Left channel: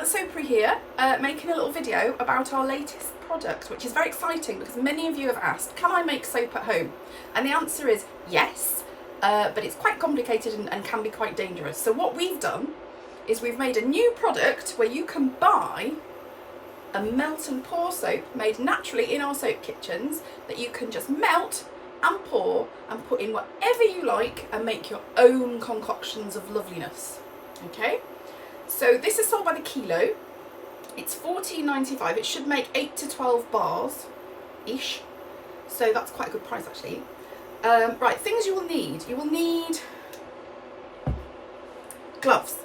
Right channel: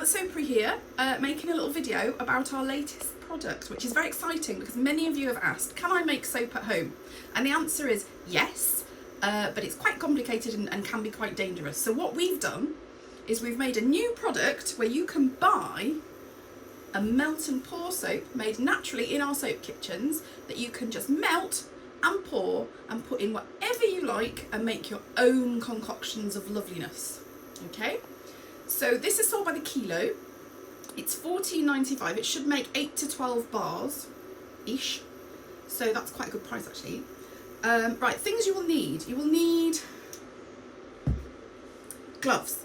at the Soapery here, making a little video about our latest product, which is very exciting because many of you have asked, can I make soap at home? And the answer is yes, but it's quite complicated and can be quite dangerous. So what we've done is we've made a new product where you can buy a melt and pour soap made naturally in our soap kitchens that you can just melt and pour and put in whatever you like and make your own concoctions of loveliness. Okay, so this is sold by the kilo. It's $14.95. It should make 8 to 12 bars ish, so that's quite a good price actually. Right, things you will need. You will need gloves.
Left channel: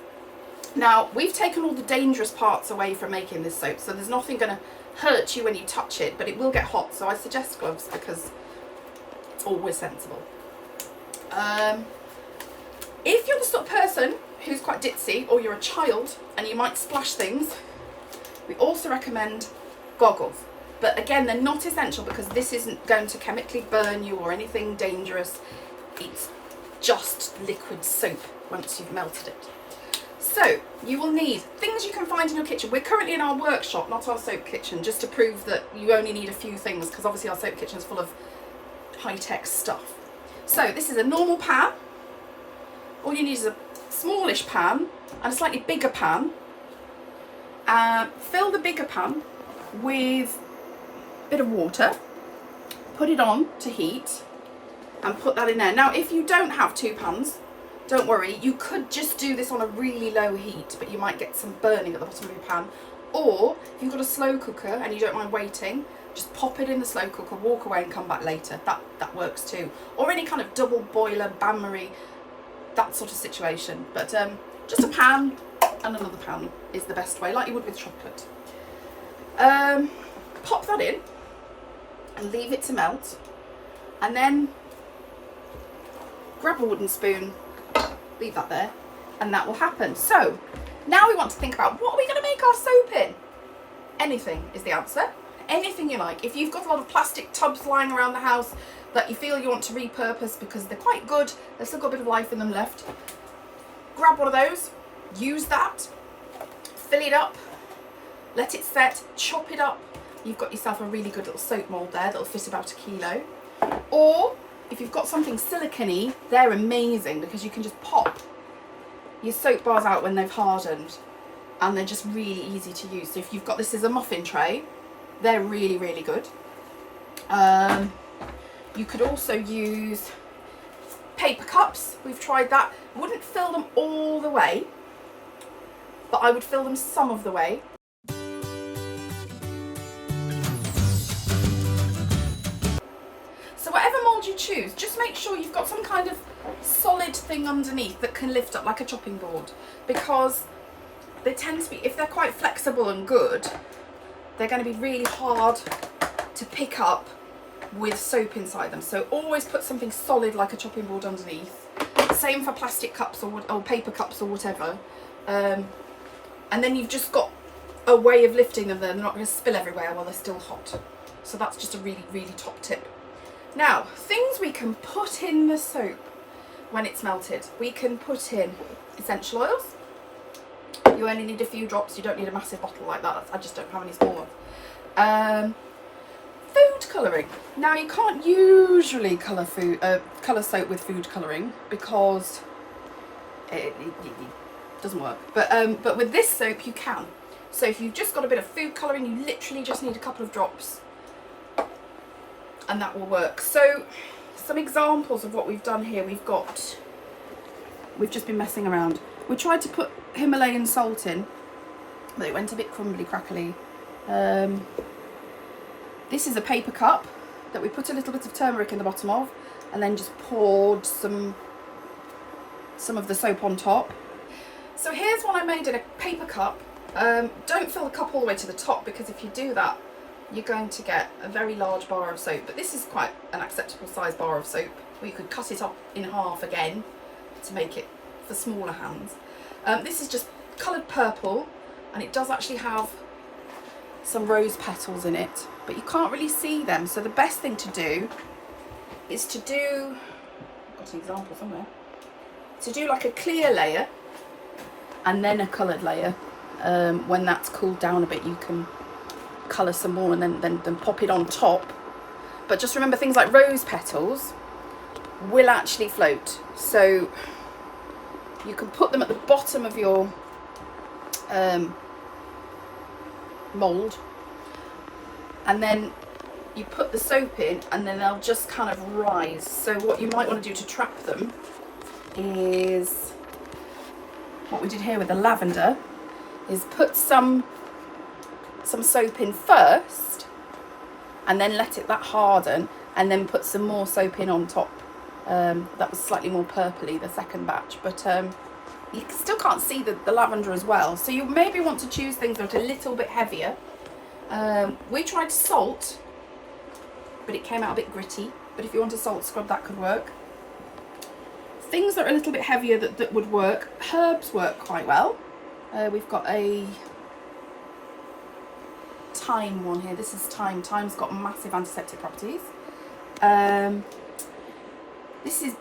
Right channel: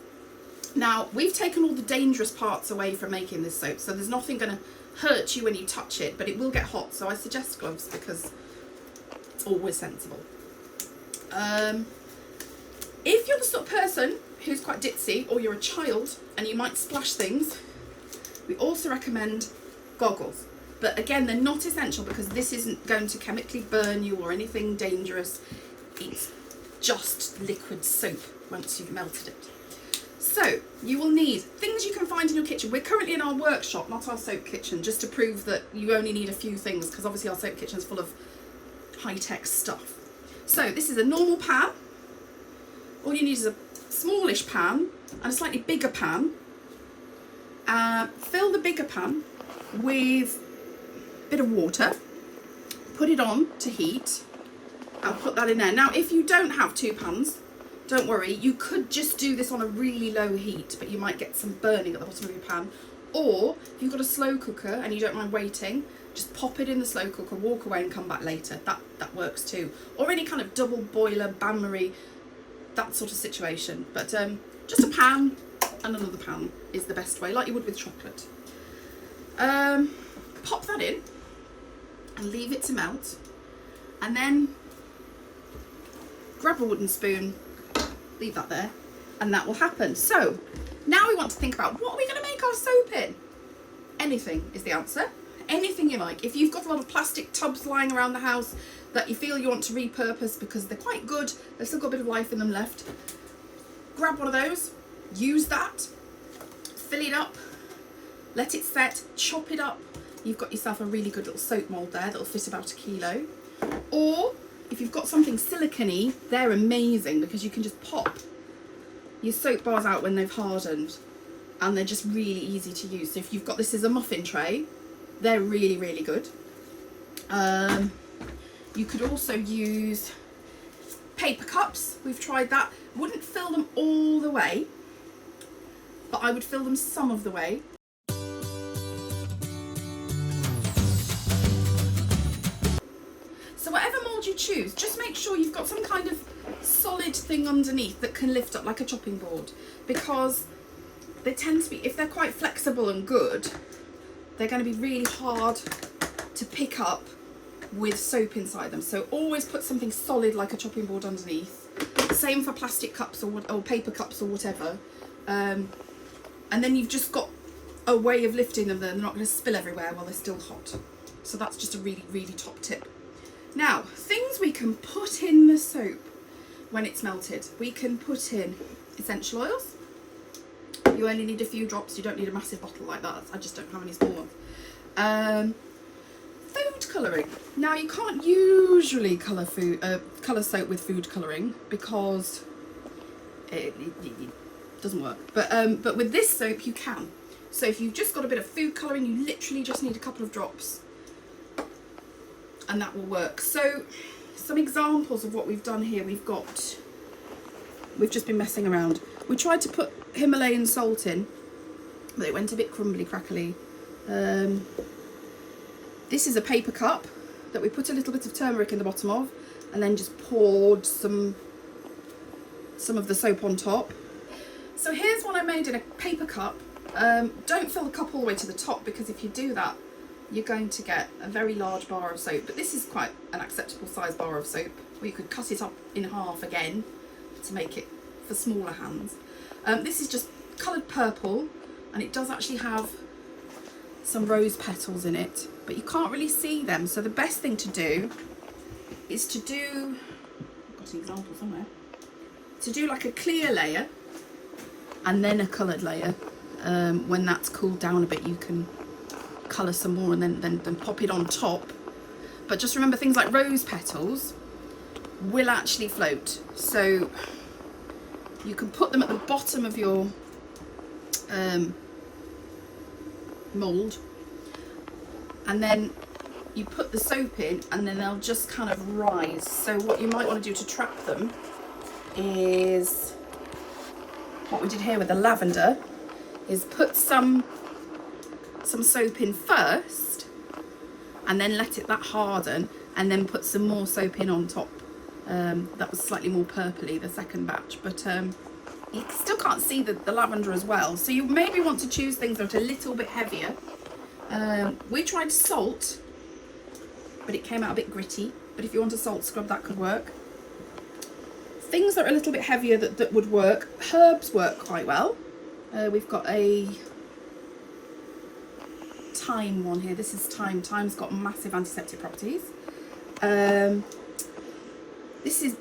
Now, we've taken all the dangerous parts away from making this soap, so there's nothing going to hurt you when you touch it, but it will get hot, so I suggest gloves because it's always sensible. If you're the sort of person who's quite ditzy, or you're a child and you might splash things, we also recommend goggles. But again, they're not essential because this isn't going to chemically burn you or anything dangerous. It's just liquid soap once you've melted it. So you will need things you can find in your kitchen. We're currently in our workshop, not our soap kitchen, just to prove that you only need a few things because obviously our soap kitchen is full of high-tech stuff. So this is a normal pan. All you need is a smallish pan and a slightly bigger pan. Fill the bigger pan with a bit of water, put it on to heat and put that in there. Now if you don't have two pans, don't worry, you could just do this on a really low heat, but you might get some burning at the bottom of your pan. Or if you've got a slow cooker and you don't mind waiting, just pop it in the slow cooker, walk away and come back later. That works too. Or any kind of double boiler, bain-marie, that sort of situation. But just a pan and another pan is the best way, like you would with chocolate. Pop that in and leave it to melt. And then grab a wooden spoon, leave that there, and that will happen. So now we want to think about, what are we going to make our soap in? Anything is the answer. Anything you like. If you've got a lot of plastic tubs lying around the house that you feel you want to repurpose because they're quite good, they've still got a bit of life in them left, grab one of those, use that, fill it up, let it set, chop it up. You've got yourself a really good little soap mould there that'll fit about 1 kilo. Or if you've got something silicone-y, they're amazing because you can just pop your soap bars out when they've hardened and they're just really easy to use. So if you've got this as a muffin tray, they're really, really good. You could also use paper cups. We've tried that. Wouldn't fill them all the way, but I would fill them some of the way. So whatever mould you choose, just make sure you've got some kind of solid thing underneath that can lift up, like a chopping board, because they tend to be, if they're quite flexible and good, they're going to be really hard to pick up with soap inside them. So always put something solid like a chopping board underneath. Same for plastic cups or paper cups or whatever. And then you've just got a way of lifting them. They're not going to spill everywhere while they're still hot. So that's just a really, really top tip. Now, things we can put in the soap when it's melted. We can put in essential oils. You only need a few drops. You don't need a massive bottle like that. I just don't have any small ones. Food colouring. Now, you can't usually colour soap with food colouring because it doesn't work. But with this soap, you can. So if you've just got a bit of food colouring, you literally just need a couple of drops, and that will work. So some examples of what we've done here. We've just been messing around. We tried to put Himalayan salt in, but it went a bit crumbly crackly. This is a paper cup that we put a little bit of turmeric in the bottom of and then just poured some of the soap on top. So here's one I made in a paper cup. Don't fill the cup all the way to the top because if you do that, you're going to get a very large bar of soap. But this is quite an acceptable size bar of soap. We could cut it up in half again to make it for smaller hands. This is just coloured purple, and it does actually have some rose petals in it, but you can't really see them. So the best thing to do is to do, I've got an example somewhere, to do like a clear layer and then a coloured layer. When that's cooled down a bit, you can colour some more and then pop it on top. But just remember, things like rose petals will actually float, so you can put them at the bottom of your mould, and then you put the soap in and then they'll just kind of rise. So what you might want to do to trap them is what we did here with the lavender, is put some soap in first and then let that harden, and then put some more soap in on top. That was slightly more purpley, the second batch, but you still can't see the lavender as well, so you maybe want to choose things that are a little bit heavier. We tried salt, but it came out a bit gritty, but if you want a salt scrub, that could work. Things that are a little bit heavier that would work, herbs work quite well. We've got a thyme one here. This is thyme. Thyme's got massive antiseptic properties. This is,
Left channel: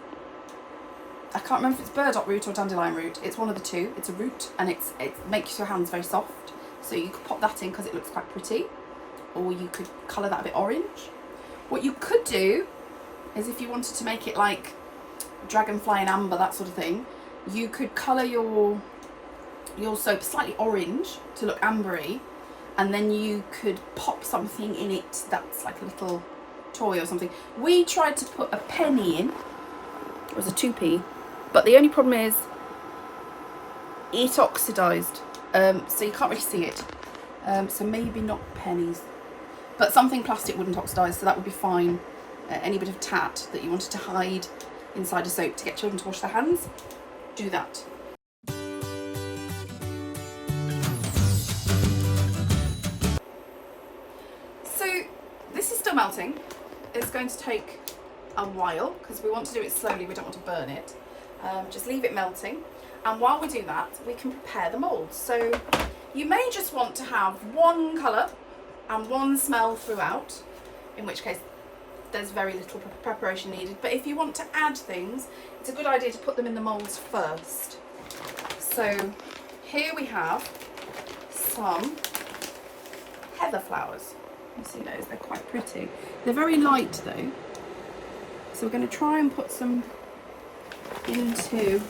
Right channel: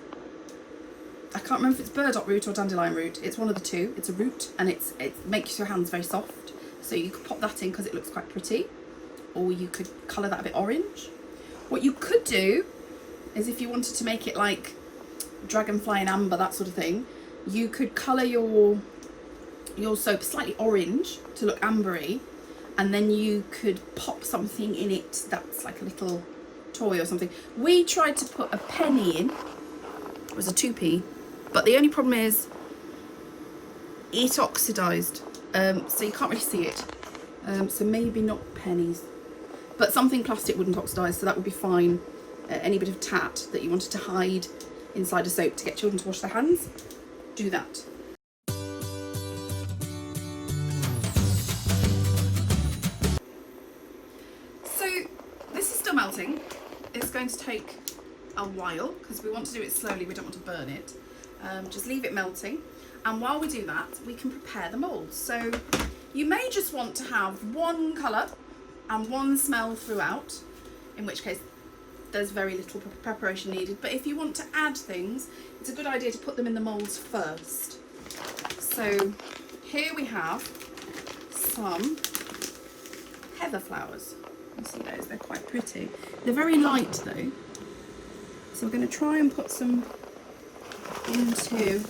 I can't remember if it's burdock root or dandelion root. It's one of the two. It's a root, and it makes your hands very soft. So you could pop that in because it looks quite pretty, or you could colour that a bit orange. What you could do is, if you wanted to make it like dragonfly and amber, that sort of thing, you could colour your soap slightly orange to look ambery, and then you could pop something in it that's like a little toy or something. We tried to put a penny in. It was a 2p, but the only problem is it oxidised, so you can't really see it. So maybe not pennies, but something plastic wouldn't oxidise, so that would be fine. Any bit of tat that you wanted to hide inside a soap to get children to wash their hands, do that. So this is still melting. It's going to take a while because we want to do it slowly, we don't want to burn it. Just leave it melting, and while we do that, we can prepare the moulds. So you may just want to have one colour and one smell throughout, in which case there's very little preparation needed. But if you want to add things, it's a good idea to put them in the moulds first. So here we have some heather flowers. You see those, they're quite pretty. They're very light though, so we're going to try and put some into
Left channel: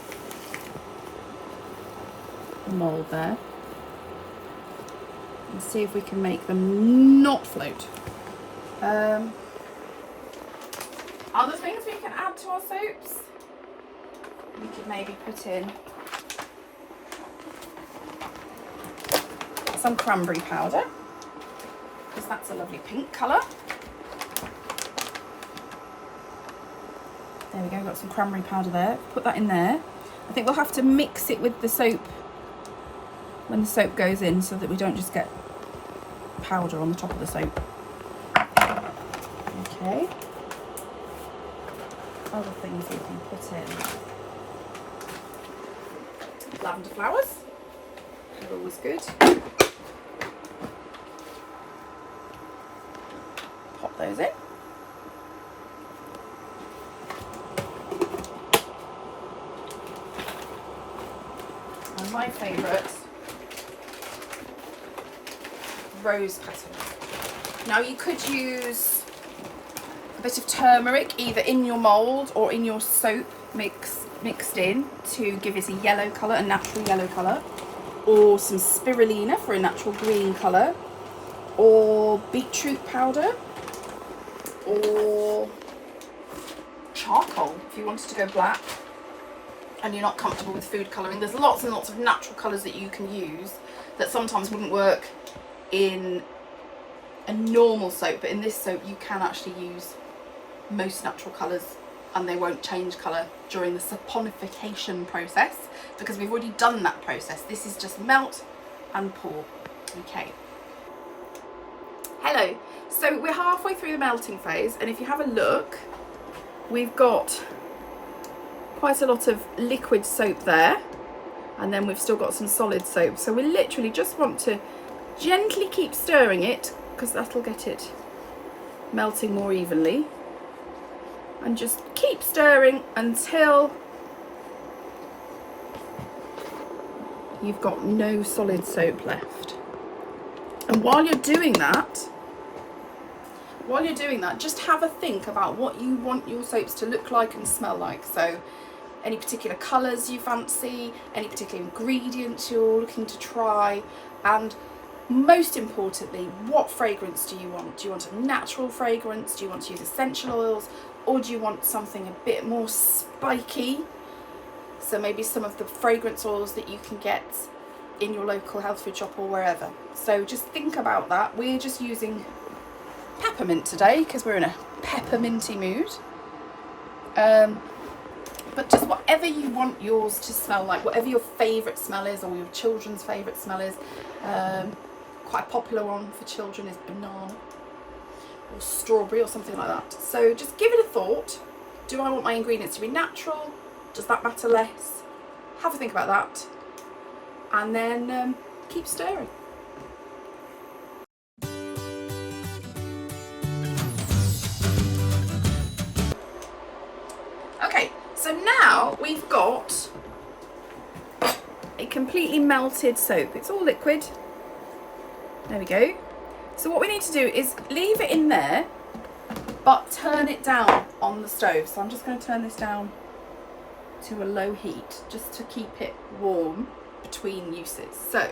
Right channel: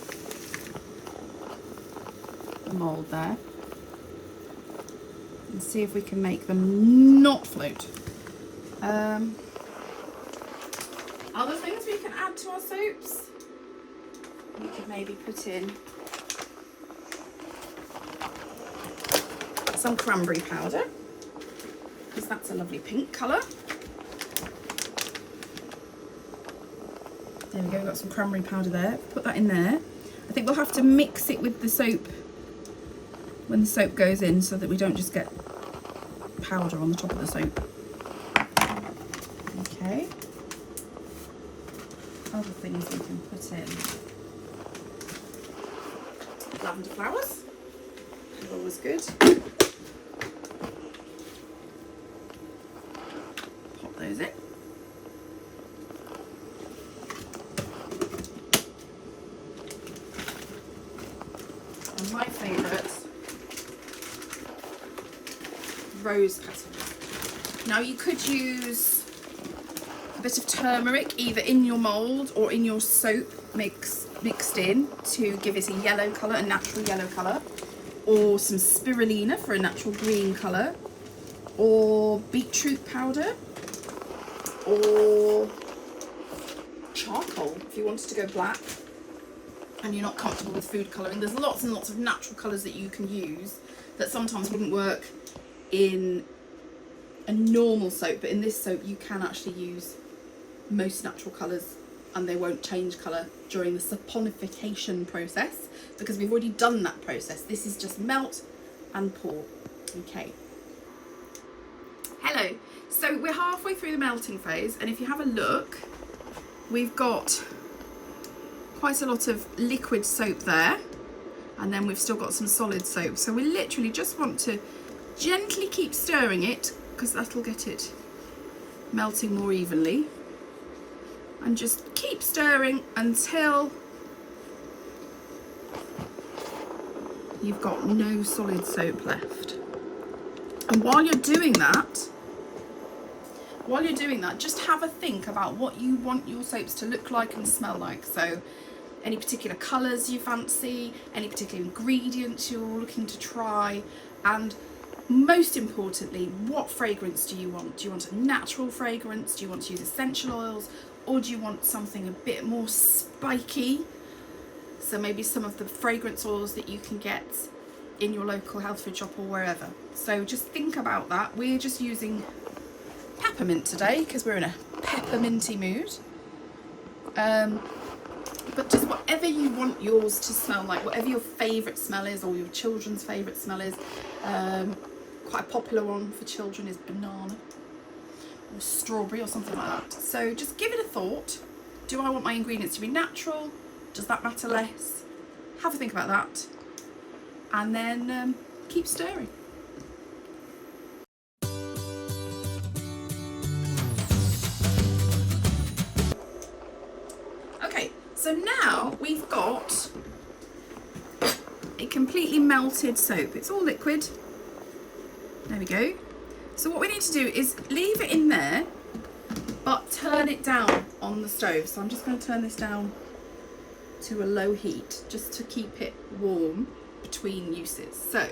the mould there and see if we can make them not float. Other things we can add to our soaps, we could maybe put in some cranberry powder, because that's a lovely pink colour. There we go, we've got some cranberry powder there. Put that in there. I think we'll have to mix it with the soap when the soap goes in, so that we don't just get powder on the top of the soap. Okay. Other things we can put in. Lavender flowers, always good. Pop those in. And my favourite, rose petals. Now you could use a bit of turmeric either in your mould or in your soap mixed in to give it a yellow colour, a natural yellow colour, or some spirulina for a natural green colour, or beetroot powder, or charcoal if you wanted to go black and you're not comfortable with food colouring. There's lots and lots of natural colours that you can use that sometimes wouldn't work in a normal soap, but in this soap you can actually use most natural colours and they won't change colour during the saponification process, because we've already done that process. This is just melt and pour. Okay. Hello. So we're halfway through the melting phase, and if you have a look, we've got quite a lot of liquid soap there, and then we've still got some solid soap. So we literally just want to gently keep stirring it, because that'll get it melting more evenly, and just keep stirring until you've got no solid soap left. And while you're doing that, just have a think about what you want your soaps to look like and smell like. So any particular colours you fancy, any particular ingredients you're looking to try, and most importantly, what fragrance do you want? Do you want a natural fragrance? Do you want to use essential oils? Or do you want something a bit more spiky? So maybe some of the fragrance oils that you can get in your local health food shop or wherever. So just think about that. We're just using peppermint today because we're in a pepperminty mood. But just whatever you want yours to smell like, whatever your favourite smell is, or your children's favourite smell is. Quite a popular one for children is banana or strawberry or something like that. So just give it a thought. Do I want my ingredients to be natural? Does that matter less? Have a think about that. And then keep stirring. Okay, so now we've got a completely melted soap. It's all liquid. There we go. So what we need to do is leave it in there, but turn it down on the stove. So I'm just going to turn this down to a low heat just to keep it warm between uses. So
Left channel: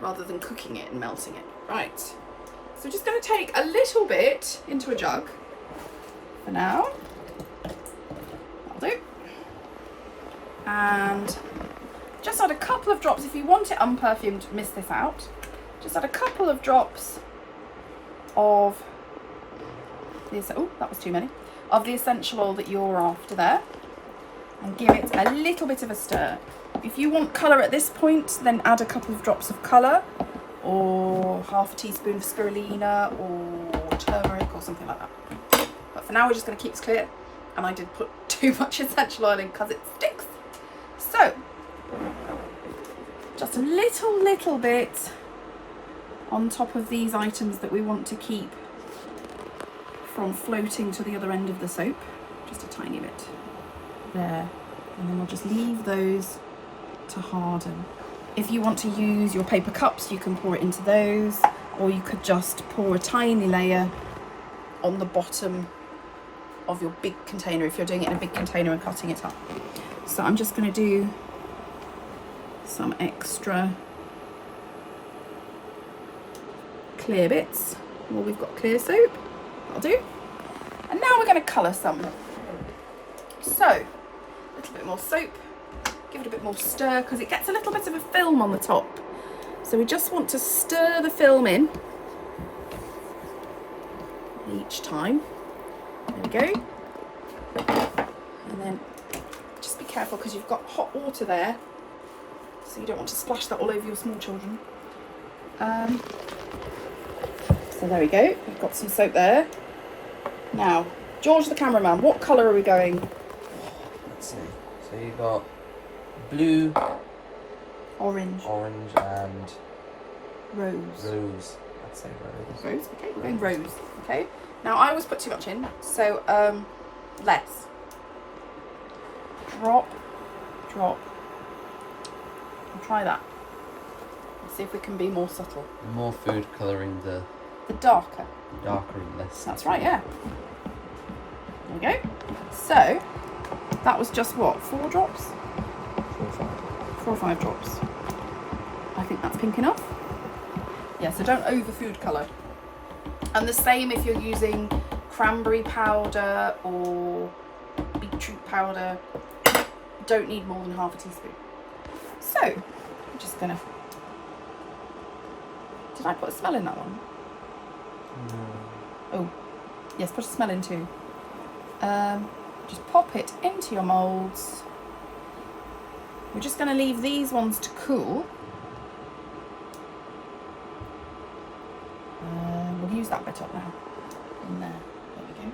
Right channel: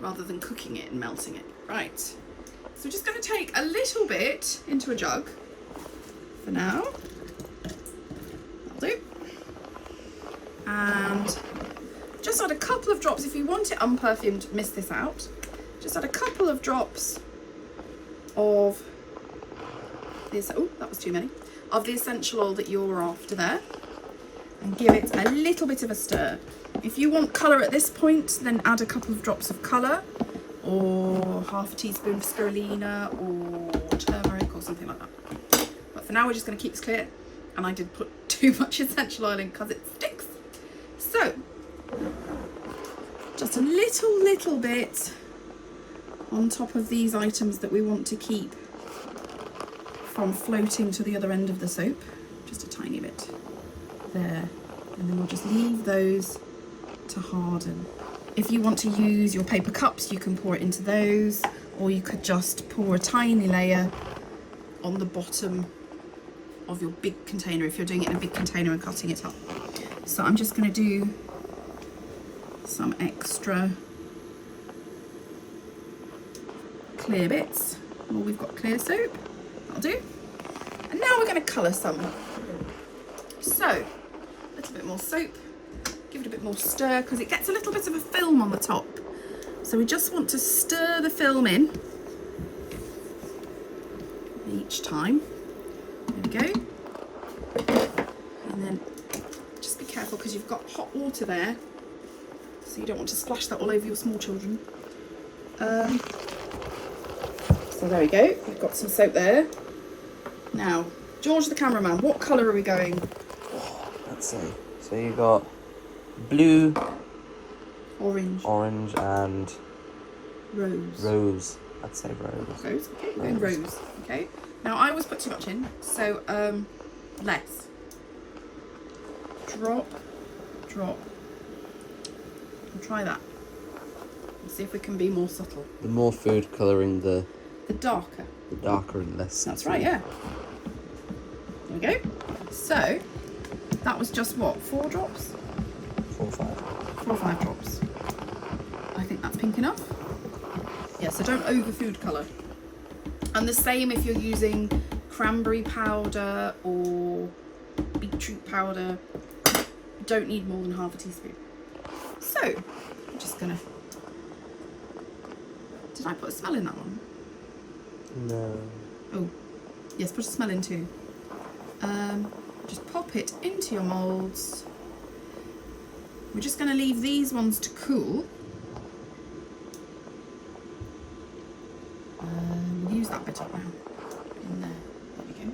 rather than cooking it and melting it. Right. So we're just going to take a little bit into a jug for now. That'll do. And just add a couple of drops. If you want it unperfumed, miss this out. Just add a couple of drops of this. Oh, that was too many. Of the essential oil that you're after there, and give it a little bit of a stir. If you want colour at this point, then add a couple of drops of colour, or half a teaspoon of spirulina or turmeric or something like that. But for now, we're just going to keep this clear. And I did put too much essential oil in because it sticks. So just a little bit on top of these items that we want to keep from floating to the other end of the soap. Just a tiny bit there. And then we'll just leave those to harden. If you want to use your paper cups, you can pour it into those, or you could just pour a tiny layer on the bottom of your big container if you're doing it in a big container and cutting it up. So I'm just going to do some extra clear bits. Well, we've got clear soap, that'll do. And now we're going to colour some. So a little bit more soap, give it a bit more stir because it gets a little bit of a film on the top. So we just want to stir the film in each time. There we go. And then just be careful because you've got hot water there, so you don't want to splash that all over your small children. So there we go, we've got some soap there. Now, George the cameraman, what colour are we going? Let's see. So you've got blue, orange, and rose. Rose. I'd say rose. Rose, okay, we're going rose. Okay. Now I always put too much in, so less. Drop. And try that. Let's see if we can be more subtle. The more food colouring, the darker. The darker and less. That's right, yeah. There we go. So that was just what, 4 drops? 4 or 5. 4 or 5 drops. I think that's pink enough. Yeah, so don't over food colour. And the same if you're using cranberry powder or beetroot powder. Don't need more than half a teaspoon. So I'm just gonna. Did I put a smell in that one? No. Oh, yes, put a smell in too. Just pop it into your moulds. We're just going to leave these ones to cool. We'll use that bit up now. In there. There we go.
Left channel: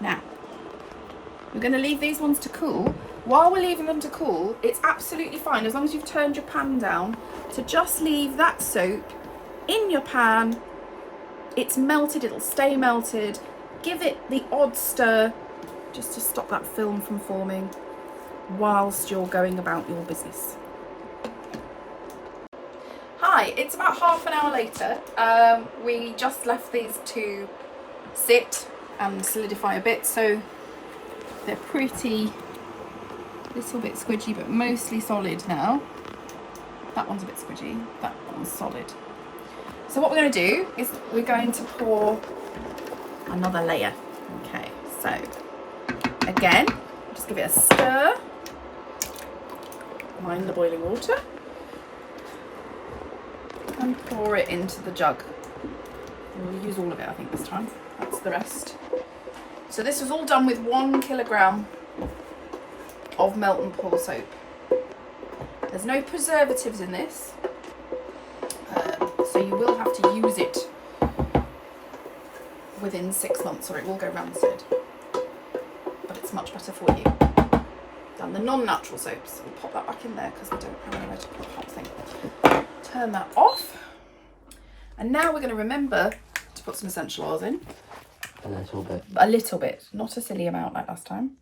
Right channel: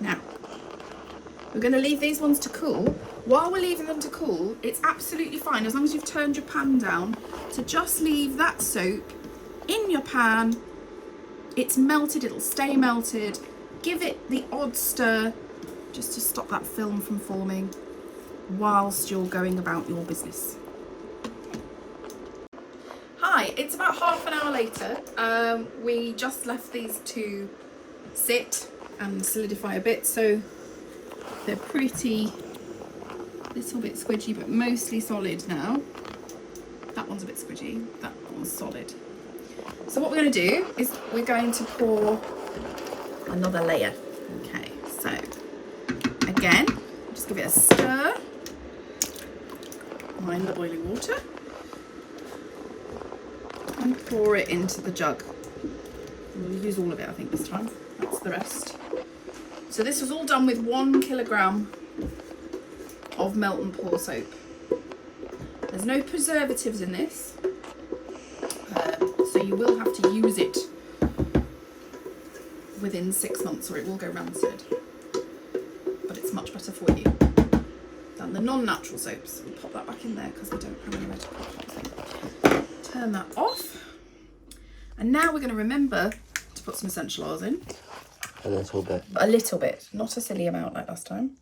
Now, we're going to leave these ones to cool. While we're leaving them to cool, it's absolutely fine, as long as you've turned your pan down, to just leave that soap in your pan. It's melted, it'll stay melted. Give it the odd stir just to stop that film from forming whilst you're going about your business. Right, it's about half an hour later. We just left these to sit and solidify a bit, so they're pretty, little bit squidgy, but mostly solid now. That one's a bit squidgy, that one's solid. So what we're going to do is we're going to pour another layer. Okay, so again, just give it a stir. Mind the boiling water. And pour it into the jug. We'll use all of it, I think, this time. That's the rest. So this was all done with 1 kilogram of melt and pour soap. There's no preservatives in this, so you will have to use it within 6 months or it will go rancid. But it's much better for you than the non-natural soaps. We'll pop that back in there because we don't have anywhere to put the hot thing. Turn that off. And now we're going to remember to put some essential oils in. A little bit. A little bit, not a silly amount like last time.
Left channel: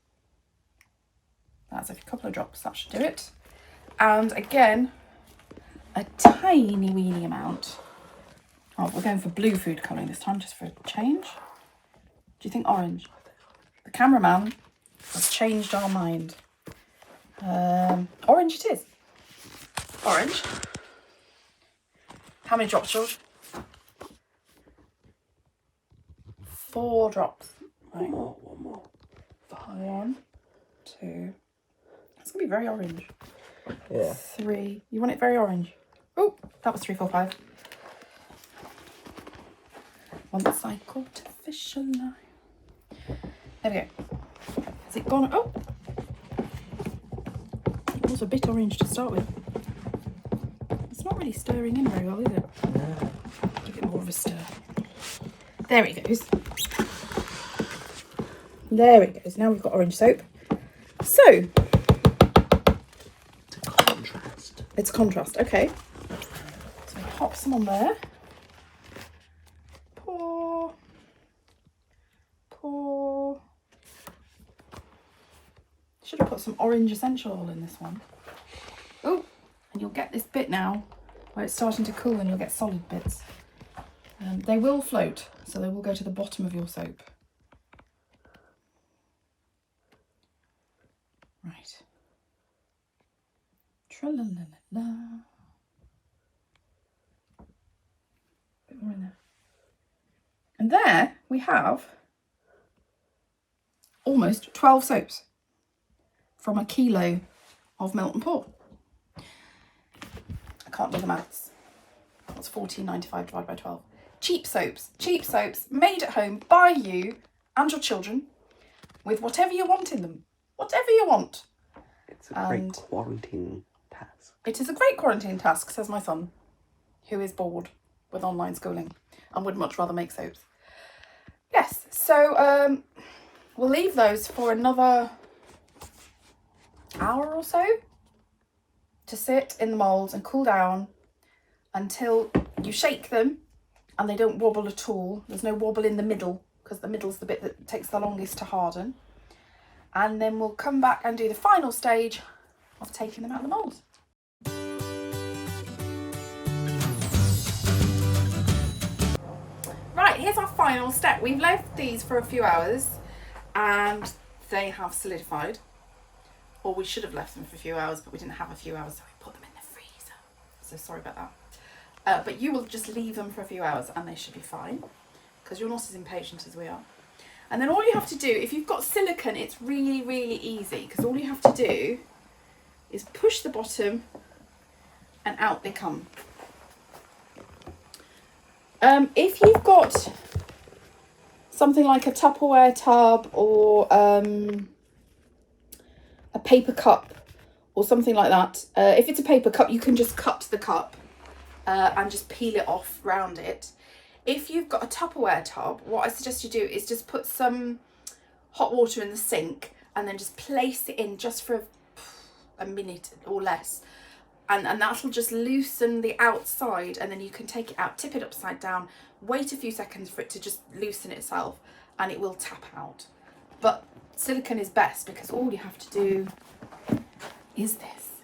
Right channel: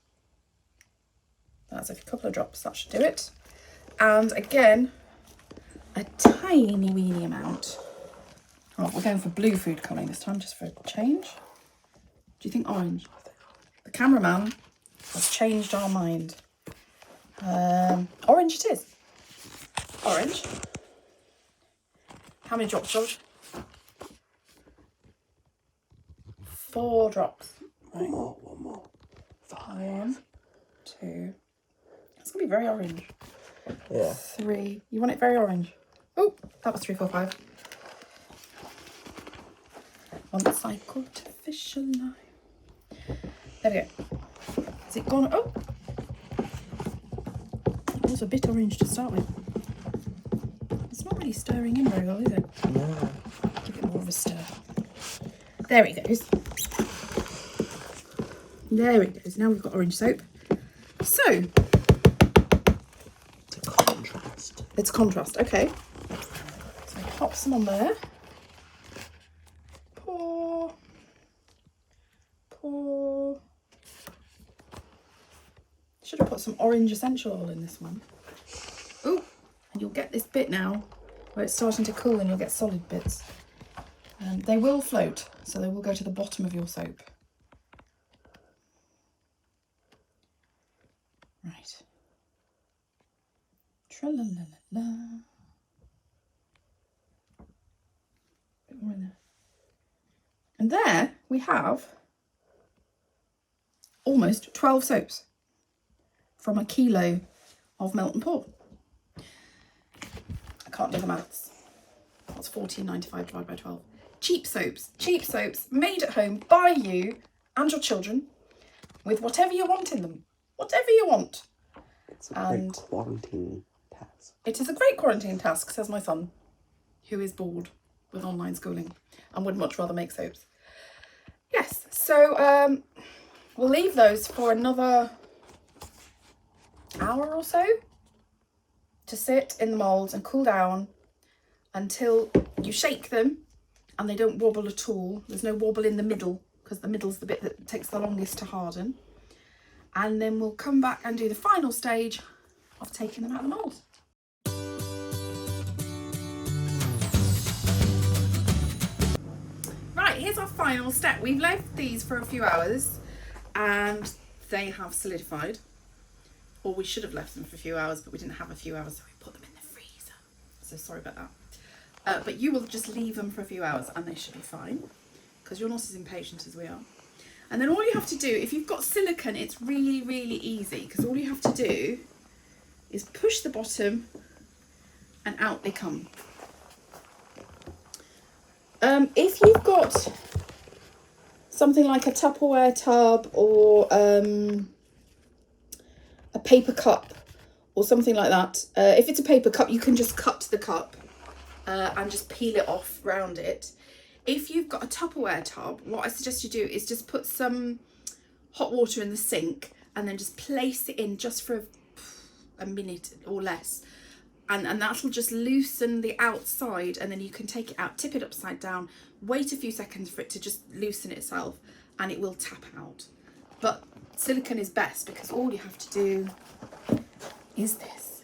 That's a couple of drops, that should do it. And again, a tiny weeny amount. Oh, we're going for blue food colouring this time, just for a change. Do you think orange? The cameraman has changed our mind. Orange it is. Orange. How many drops, George? 4 drops. Right. One more. 1, 2. It's gonna be very orange. Yeah. 3. You want it very orange? Oh, that was 3, 4, 5. Once I caught a fish alive. There we go. Has it gone? Oh, it was a bit orange to start with. It's not really stirring in very well, is it? No. Give it more of a stir. There it goes. There it goes. Now we've got orange soap. So, It's a contrast. it's contrast. Okay. So pop some on there. Pour. Pour. Should have put some orange essential oil in this one. Oh, and you'll get this bit now where it's starting to cool and you'll get solid bits. They will float, so they will go to the bottom of your soap. Right. Tra-la-la-la-la. Bit more in there. And there we have almost 12 soaps from a kilo of melt and pour. I can't do the maths. What's 14.95 divided by 12? Cheap soaps made at home by you and your children with whatever you want in them. Whatever you want. It's a great quarantine task. It is a great quarantine task, says my son, who is bored with online schooling and would much rather make soaps. Yes, so we'll leave those for another hour or so to sit in the mould and cool down until you shake them and they don't wobble at all. There's no wobble in the middle because the middle's the bit that takes the longest to harden. And then we'll come back and do the final stage of taking them out of the mould. Right, here's our final step. We've left these for a few hours and they have solidified. Or we should have left them for a few hours, but we didn't have a few hours, so we put them in the freezer. So sorry about that. But you will just leave them for a few hours and they should be fine because you're not as impatient as we are. And then all you have to do, if you've got silicone, it's really, really easy because all you have to do is push the bottom and out they come. If you've got something like a Tupperware tub or a paper cup or something like that, if it's a paper cup, you can just cut the cup and just peel it off round it. If you've got a Tupperware tub, what I suggest you do is just put some hot water in the sink and then just place it in just for a minute or less. And that'll just loosen the outside and then you can take it out, tip it upside down, wait a few seconds for it to just loosen itself and it will tap out. But silicone is best because all you have to do is this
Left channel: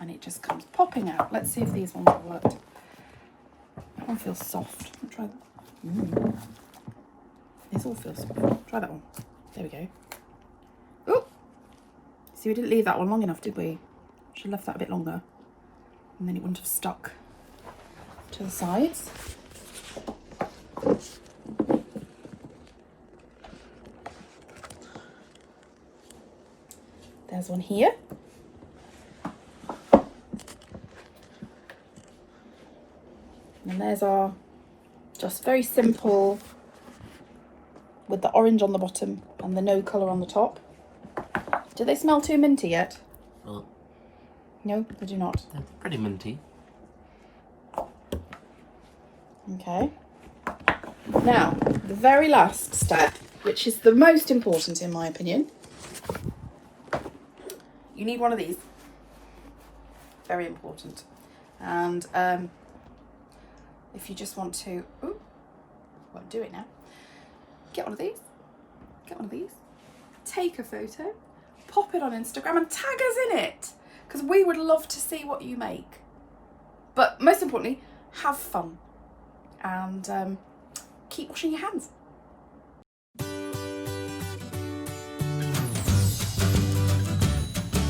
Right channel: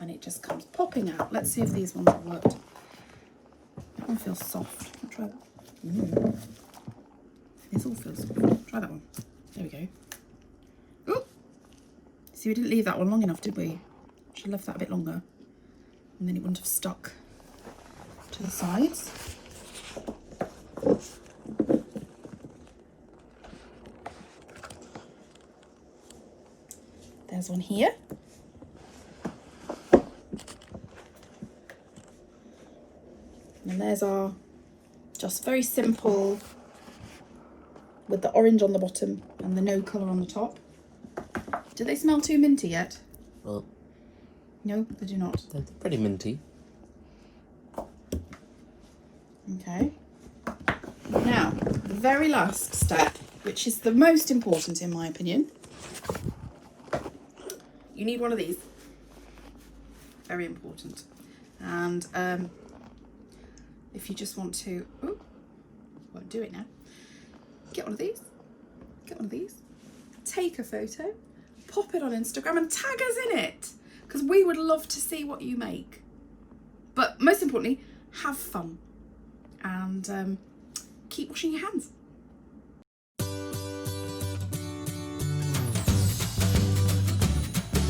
and it just comes popping out. Let's see if these ones have worked. That one feels soft. I'll try that. This all feels soft. Try that one. There we go. Oh! See, we didn't leave that one long enough, did we? Should have left that a bit longer. And then it wouldn't have stuck to the sides. There's one here. And there's our just very simple with the orange on the bottom and the no colour on the top. Do they smell too minty yet? Well, No, they do not. they're pretty minty. Okay. Now, the very last step, which is the most important in my opinion. You need one of these. Very important. And if you just want to, ooh, won't do it now. Get one of these. Get one of these. Take a photo. Pop it on Instagram and tag us in it. Because we would love to see what you make. But most importantly, have fun. And keep washing your hands.